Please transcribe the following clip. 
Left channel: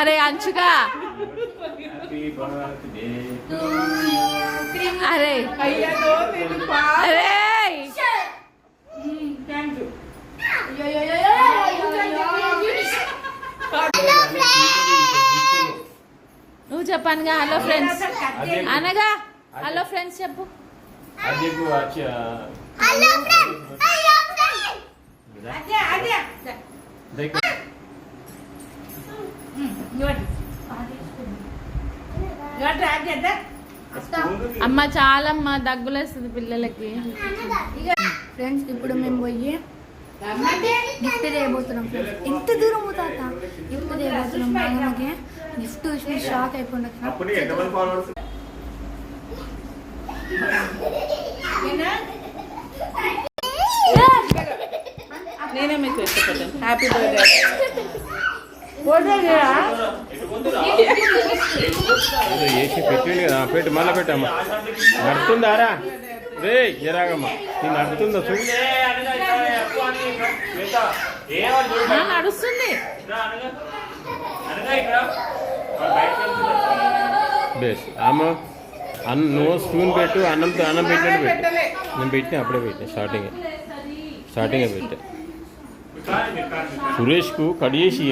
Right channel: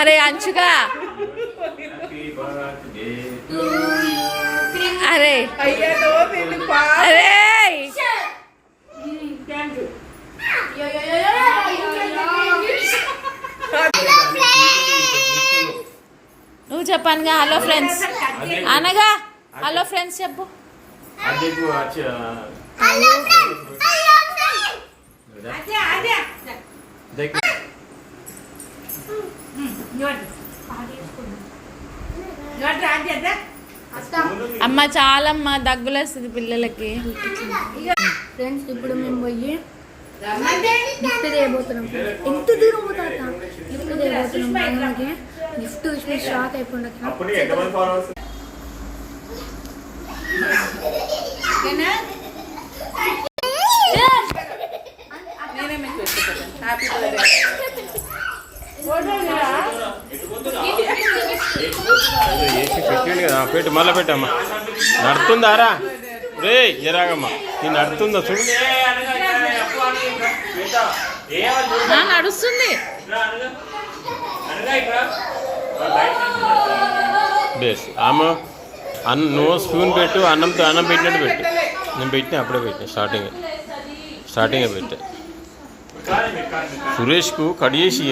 अरे अंशुका अरे अरे నువ్వు చెప్పానుగా హలో ఫ్రెండ్స్ అనగా హలో ఫ్రెండ్స్ చెప్పు అమ్మ చాలమ్మ దగ్గులేస్తుంది పిల్లలకి. ఫ్రెండ్స్ ఇప్పుడు మేము పోయి గిఫ్ట్ చేయబోతున్నాం. ఎంత దూరం పోతా గిఫ్ట్ చేయబోతున్నాం. మనకి గిఫ్ట్ చూసి షాక్ అయిపోయింది. నేనే మీకు ఇష్టపడ్డాను. Happy birthday. పెట్టు మళ్ళీ పెట్టమ్మా. నడుతుందారా రే జరాగమ్మా నీ నడుతుందా చూడు. నడుస్తుంది. బేస్ ఆమె నువ్వు స్పూన్ పెట్టు. అన్నం పెట్టినట్టు పెట్టు. నేను పెట్టినా అప్పుడే పెట్టినా స్టార్టింగే పెట్టా. సురేష్కు కట్ చేసి